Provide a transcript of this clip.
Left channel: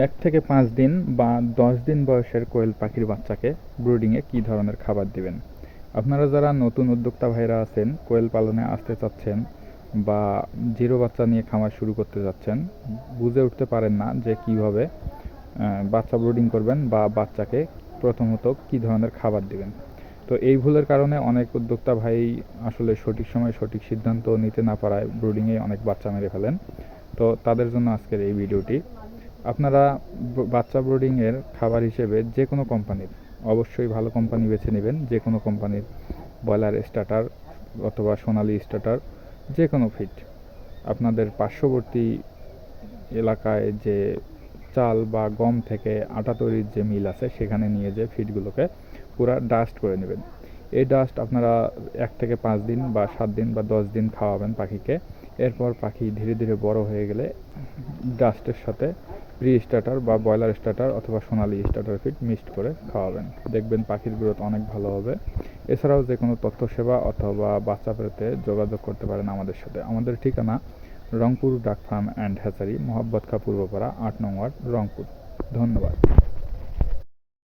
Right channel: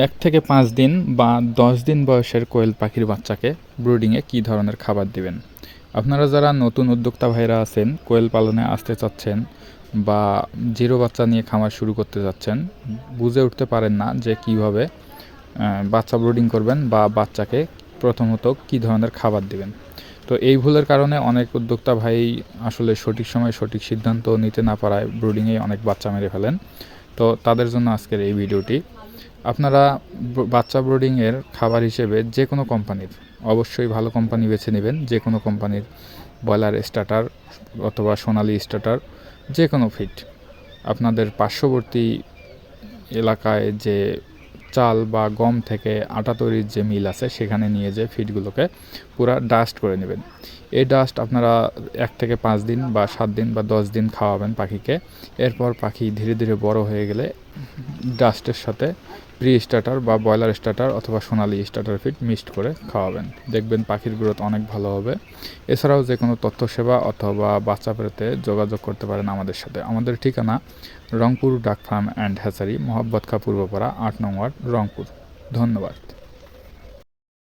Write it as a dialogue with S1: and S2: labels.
S1: এক থেকে পাঁচ দিন বা দশ দিন বয়সের কোয়েল পাখির বাচ্চাকে ব্রুডিংয়ে কী ধরনের খাবার দিবেন? আপনারা যারা নতুন উদ্যোক্তা ভাইরা আছেন, কোয়েল পালনে আসতে চাচ্ছেন বা জিরো বাচ্চা নিয়ে খামার শুরু করতে যাচ্ছেন বুঝে উঠতে পারেন না যে কীভাবে বাচ্চা ব্রুডিং করবেন বা বাচ্চাকে প্রথমত কী ধরনের খাবার দিবেন। তো এই ভুলের কারণে অনেক উদ্যোক্তা ভাই আসলে সঠিক সময় সঠিক সিদ্ধান্ত নিতে না পারায় ব্রুডিংয়ে অনেক বাচ্চা মেরে ফেলেন। তো তাদের জন্য আজকের এই ভিডিওটি আপনারা বাচ্চা ব্রোডিংয়ের খাবার হিসেবে যে কোনো কোম্পানির, অবশ্যই ভালো কোম্পানি বেছে নেবেন, যে কোনো কোম্পানির ব্রয়লার স্টার্টার অথবা সোনালি স্টার্টার, যে কোনো ফিট। আপনাদের পার্শ্ববর্তী এলাকায় যে চাল বা গম থেকে আটা তৈরির যে মিল আছে, সেখানে নিয়ে যে ফিডগুলোকে পুরা ডাস্ট করে নেবেন। এই ডাস্ট আপনারা এক থেকে পাঁচ দিন বা সাত দিন বা দশ দিন খাওয়াবেন পাখিকে। এরপর পাখি ধীরে ধীরে বড় হয়ে গেলে ডাস্টের সাথে প্রি স্টার্টার বা ব্রয়লার স্টার্টার অথবা সোনালি স্টার্টার ফিড মিক্সড করে খাওয়াবেন। দেখবেন পাখির গ্রোথ অনেক ভালো হবে। এছাড়াও যে কোনো তথ্য সেবা অথবা বাচ্চা পেতে যোগাযোগ করতে পারেন আমাদের সাথে। আমাদের ঠিকানা রংপুর ডাক ফার্ম অ্যান্ড হ্যাচারি মোহাব্বত খা পূর্বপাড়া, আট নং ওয়ার্ড রংপুর। ধন্যবাদ।